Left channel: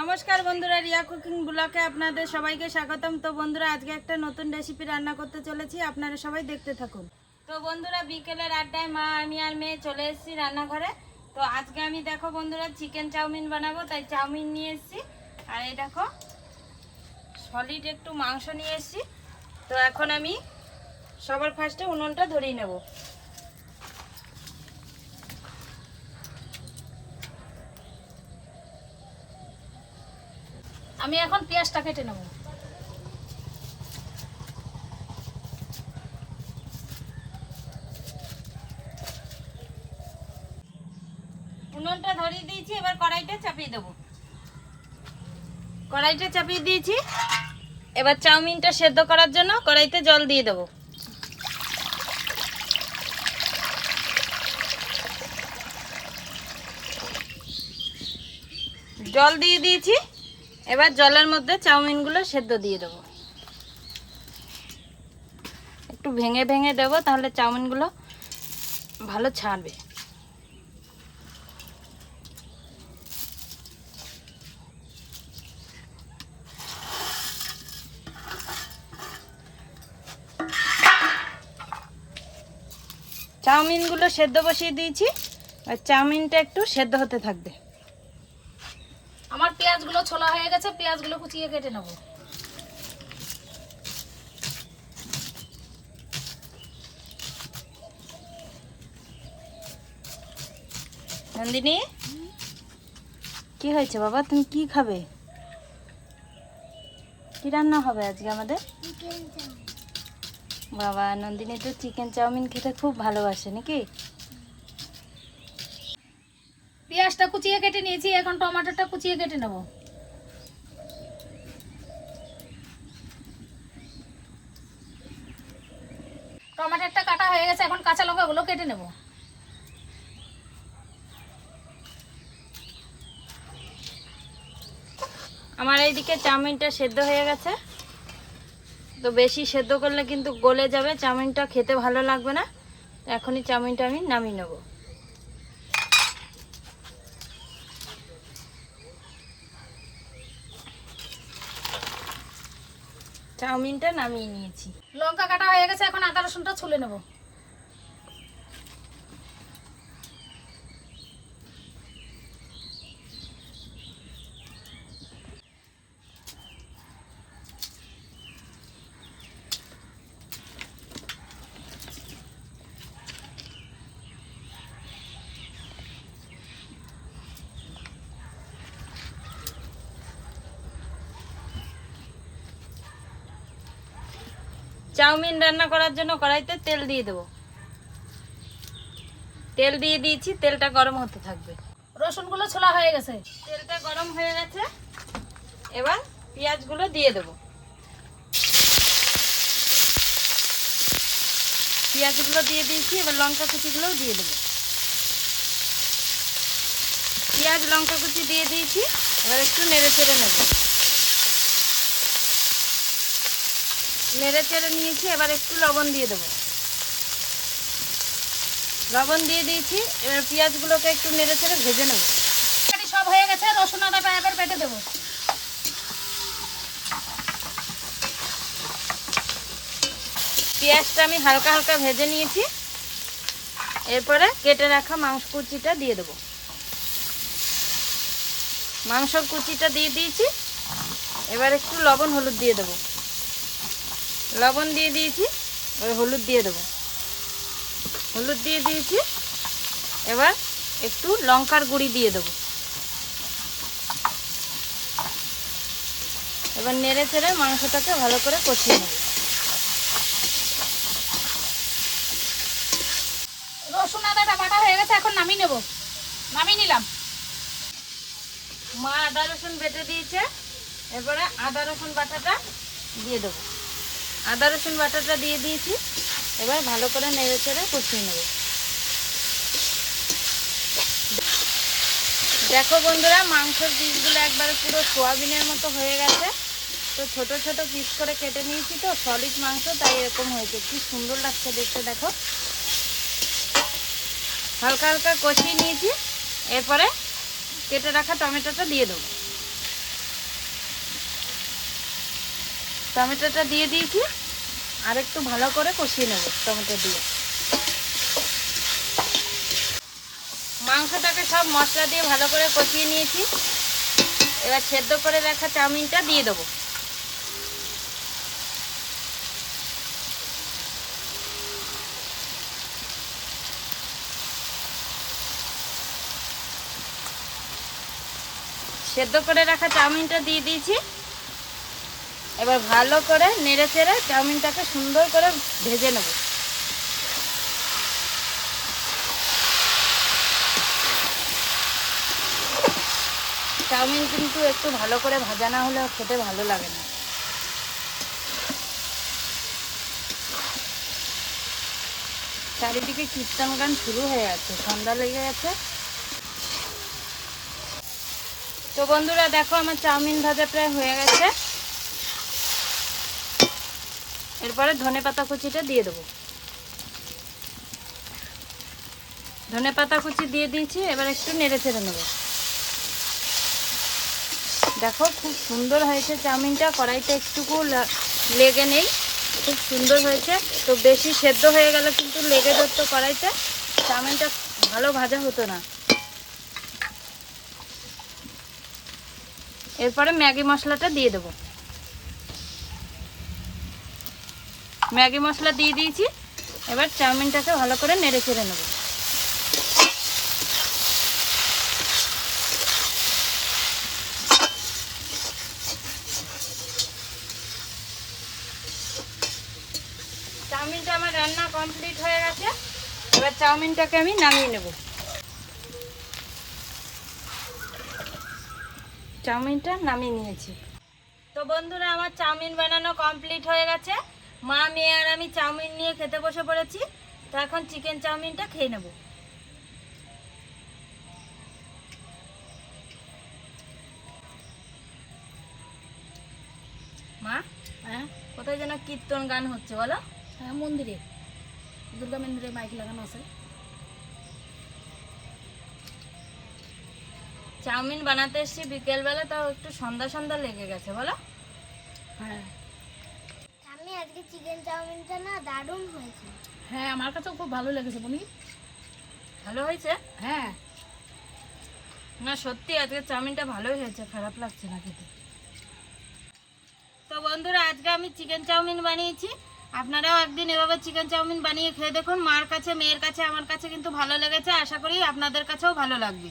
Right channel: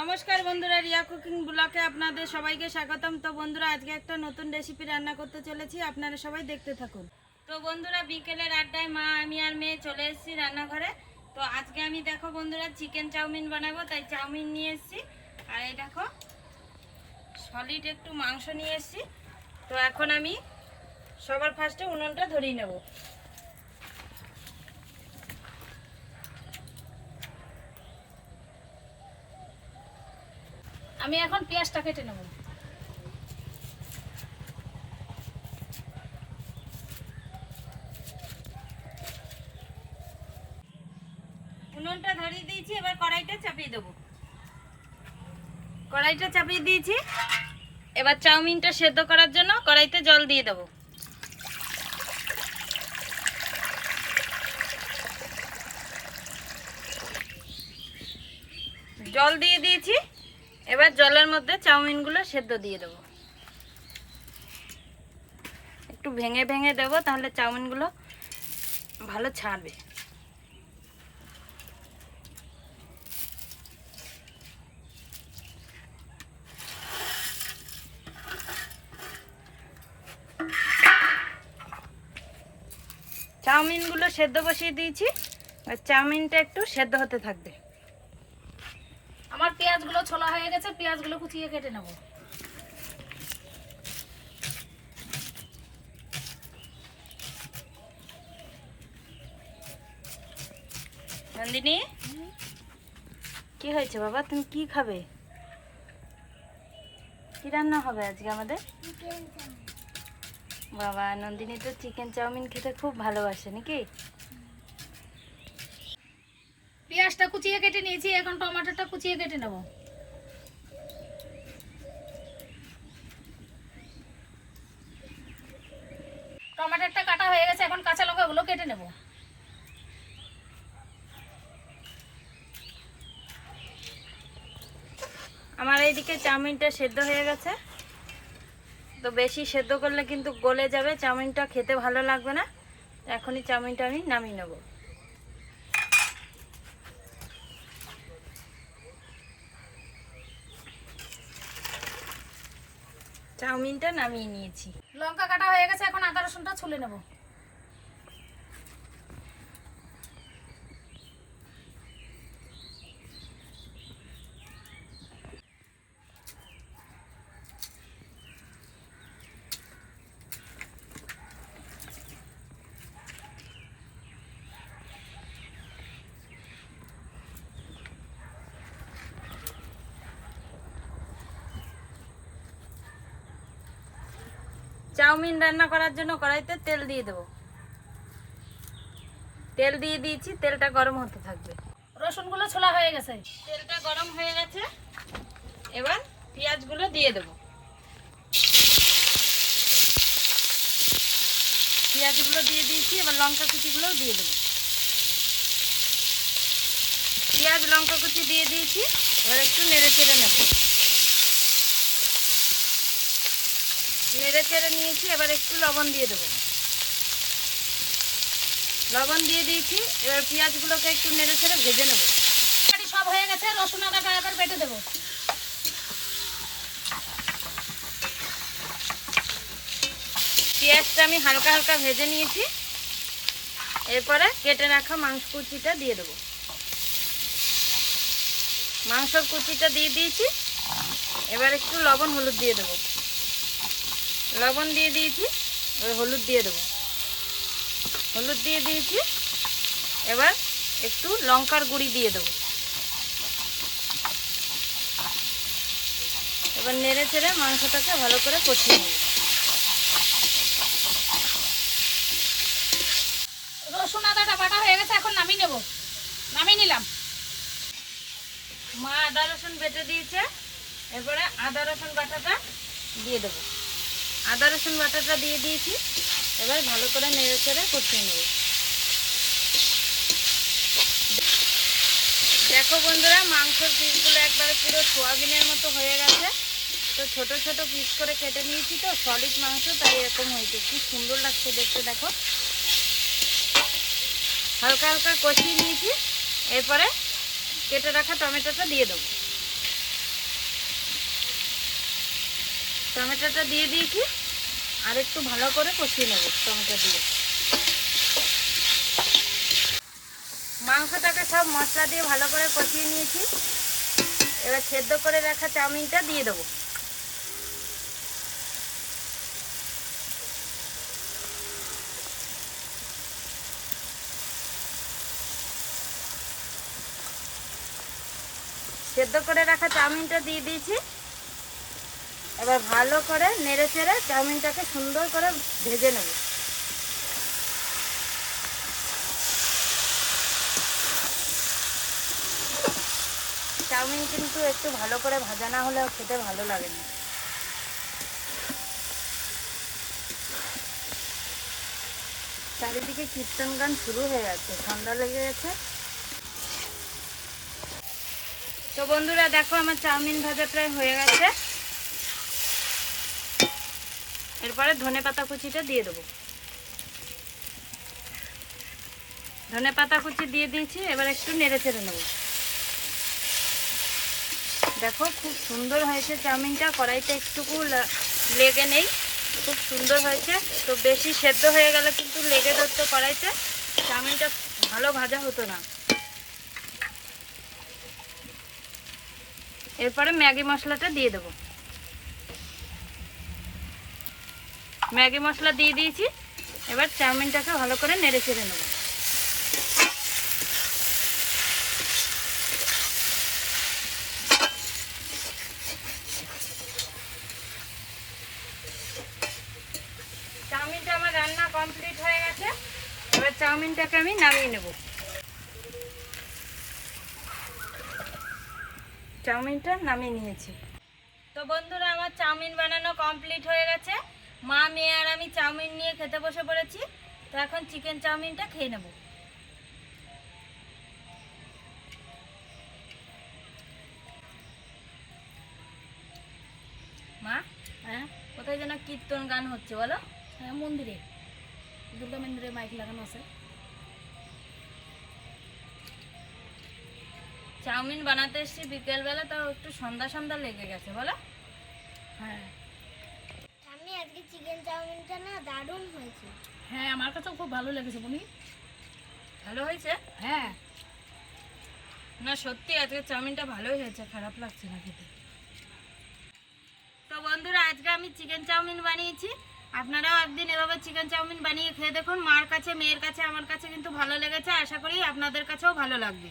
নমস্কার বন্ধুরা, রিয়া কুকিং ব্লকে আপনাদের সবাইকে স্বাগতম। তো বন্ধুরা, আজকে একটা নতুন রেসিপি রান্না করতে চলেছি, আপনারা সবাই দেখতে থাকুন। তো বন্ধুরা, বিকেলের আড্ডায় মা, আমি আর মেয়ে চলে এসেছি রান্নাঘরে। তো আজকে আমি দেখো বন্ধুরা চিকেন চাউমিন বানাবো, তাই চাউমিন নিয়ে এসেছি। আর এই দেখো সলিড একটু মাংস নিয়ে এসেছি। তো এখন আমি সবার ফার্স্টে উনুনটা ধরিয়ে নেব। আমি এখন পেঁয়াজটা কেটে নেব। উনুনটা ধরিয়ে দিয়েছি, এবার কড়াইটা চাপিয়ে দেবো। কড়াইটা চাপিয়ে দিয়েছি। এবার চাউমিনটা সেদ্ধ করার জন্য কড়াইতে জল দিয়ে দেবো। জল দিয়ে দিয়েছি। এবার জলের মধ্যে চাউমিনগুলো সেদ্ধ দিয়ে দেবো। একটু ভেঙে ভেঙে দেবো, তাহলে চাউমিনগুলো ভালো ছাড়বে। চাউমিনগুলো সেদ্ধ বসিয়ে দিয়েছি চাউমিনটা একটু সেদ্ধ হতে থাকবে। পেঁয়াজগুলো ছোলা হয়ে গেছে পেঁয়াজগুলো কুচিয়ে কেটে নেব। নন্দিনী? কি হয়েছে বাবা? তুমি কি খাবে? কি রান্না হবে আজকে আমাদের? বাবা নন্দিনী তো চিকেন চাউমিন খেতে খুব ভালোবাসে নাকি? পেঁয়াজটা কুচিয়ে কেটে নিয়েছি, এখন টমেটোটা কুচিয়ে কেটে নেব। টমেটোটা কাটা হয়ে গেছে, এখন কাঁচা লঙ্কাগুলো কেটে নেব। আমার এইদিকে চাউমিনটা সেদ্ধ হয়ে গেছে। তো বেশি সেদ্ধ করলে কিন্তু গলে যাবে, চাউমিনটা খেতে ভালো লাগবে না। এখনই চাউমিনটা আমি নামিয়ে নেব। চাউমিনটা নামিয়ে নিয়েছি। লঙ্কা কাটা হয়ে গেছে এখন আদা রসুনটা ছুলে নেব। চাউমিন রান্না করার জন্য কড়াইতে তেল দিয়ে দেবো। তেল দিয়ে দিয়েছি তেলটা গরম হতে থাকবে। রসুনগুলো ছোলা হয়ে গেছে। তেলটা গরম হয়ে গেছে। এবার পেঁয়াজগুলো দিয়ে দেবো। পেঁয়াজগুলো দিয়ে দিয়েছি এবার লঙ্কা কুচিগুলোও দিয়ে দেবো। পেঁয়াজ লঙ্কা কুচি দিয়ে দিয়েছি এবার একটু নেড়ে চেড়ে নেব। নেড়ে চেড়ে নিয়েছি, এবার একটু লবণ দিয়ে দেবো। লবণ দিয়ে দিয়েছি, এবার পেঁয়াজগুলোকে একটু নেড়ে চেড়ে ভেজে নেব। সব হয়ে গেছে, রসুন আদাটা এবার বেটে দেবো। পেঁয়াজটা আমি হালকা হালকা ভেজে নিয়েছি, এরপরে কেটে রাখা মাংস কুচিটা দিয়ে দেবো। মাংসর কুচিটা দিয়ে দিয়েছি, এবার একটু লবণ হলুদ দিয়ে দেবো। লবণ দিয়ে দিয়েছি এবার হলুদ দিয়ে দেবো। হলুদ দিয়ে দিয়েছি এবার একটু লঙ্কার গুঁড়ি দিয়ে দেবো। এবার নেড়ে ছেড়ে মাংসটাকে ভালো করে কষিয়ে নেব। রসুন আদাটা বাটা হয়ে গেছে এখন নামিয়ে নেব। নামিয়ে নিলাম। মা আদা রসুন বেটে দিয়েছে এরপরে আদা রসুন বাটাটা দিয়ে দেবো। আদা রসুন বাটাটা দিয়ে দিয়েছি। এবার ভালো করে নেড়ে চেড়ে কষিয়ে নেবে। দেখো বন্ধুরা, মাংসের পিসগুলো একবারে পুরো সোয়াবিনের মতো হয়ে গেছে। তো ছোট ছোট পিস করে কেটে নিয়েছি তো, সলিড মাংস, তাই এরকম হয়েছে। কি সুন্দর লাগছে দেখতে, দেখো। হালকা হালকা কষিয়ে নিয়েছি। এরপরে কেটে রাখা টমেটোটা দিয়ে দেবো। টমেটোটা দিয়ে দিয়েছি, আর একটু ভালো করে কষিয়ে নেব টমেটো দিয়ে। মাংসটাকে সব মশলা দিয়ে ভালো করে কষিয়ে নিয়েছি। এবার সেদ্ধ করে রাখা চাউমিনটা দিয়ে দেবো। সেদ্ধ করে রাখা চাউমিনটা দিয়ে দিয়েছি। এবার ভালো করে নেড়ে চেড়ে চাউমিনটাকে সুন্দর করে ভেজে নেব। চাউমিন কিন্তু একটু ভালো করে ভাজা না হলে খেতে ভালো লাগে না। চারিদিকে কীর্তন গান শুরু হয়ে যাচ্ছে ঠান্ডা লেগে গেছে। তো বন্ধুরা, দেখো আমার চাউমিন ভাজা প্রায় হয়ে গেছে। এরপরে ধনে পাতা কুচিটা দিয়ে দেবো। ধনে পাতা কুচি দিয়ে দিয়েছি, এবার একটু নেড়ে চেড়ে নেব। দেখো খুব সুন্দর হয়েছে চাউমিনটা, কড়াইতে একটুকু লেগে নেই, খুব সুন্দর হয়েছে। তো বেশি সেদ্ধ হয়ে গেলে কিন্তু লেগে ধরতো কড়াইতে। চাউমিনটা ভালো ভাজা হতো না। এরপরে ম্যাগি মশলাটা দিয়ে দেবো। ম্যাগি মশলা দিয়ে দিয়েছি। এবার চাউমিনটাকে ভালো করে নেড়ে চেড়ে নেব। চাউমিনটা আমার রান্না কমপ্লিট হয়ে গেছে। এবার চাউমিনটাকে আমি নামিয়ে নেব। চাউমিনটা নামিয়ে নিয়েছি। তো বন্ধুরা, আমার চাউমিন বানানো কমপ্লিট হয়ে গেছে। মা মেয়ে আর আমি চাউমিন নিয়ে খেতে বসে পড়েছি তো এখন চিকেন চাউমিনটা খেয়ে নেব। মা হ্যাঁ? কোথায় যেন কীর্তন গান হচ্ছে বলো। হ্যাঁ মন্দিরে। দুর্গা মন্দিরে মাইক লাগানো আছে। চাউমিন বানাতে এসেছি বিকেলবেলা তাও একটু সন্ধ্যা সন্ধ্যা লেগে গেছে বলো। হ্যাঁ। আজকে চিকেন চাউমিনটা না দারুণ হয়েছে। হ্যাঁ আমার কাছেও খুব ভালো লেগেছে বনি। ভালো হয়েছে? হ্যাঁ। না, সত্যি আজকে চাউমিনটা ভালোই হয়েছে, খারাপ লাগছে না খেতে। তো বন্ধুরা, আজকে আমি চিকেন চাউমিন বানিয়েছি। আপনারাও একদিন এভাবে চিকেন চাউমিন বানিয়ে খেয়ে দেখুন, মার কাছে, মেয়ের কাছে, আমার কাছে কিন্তু ভালো লেগেছে। আশা করি আপনাদের কাছেও ভালো লাগবে।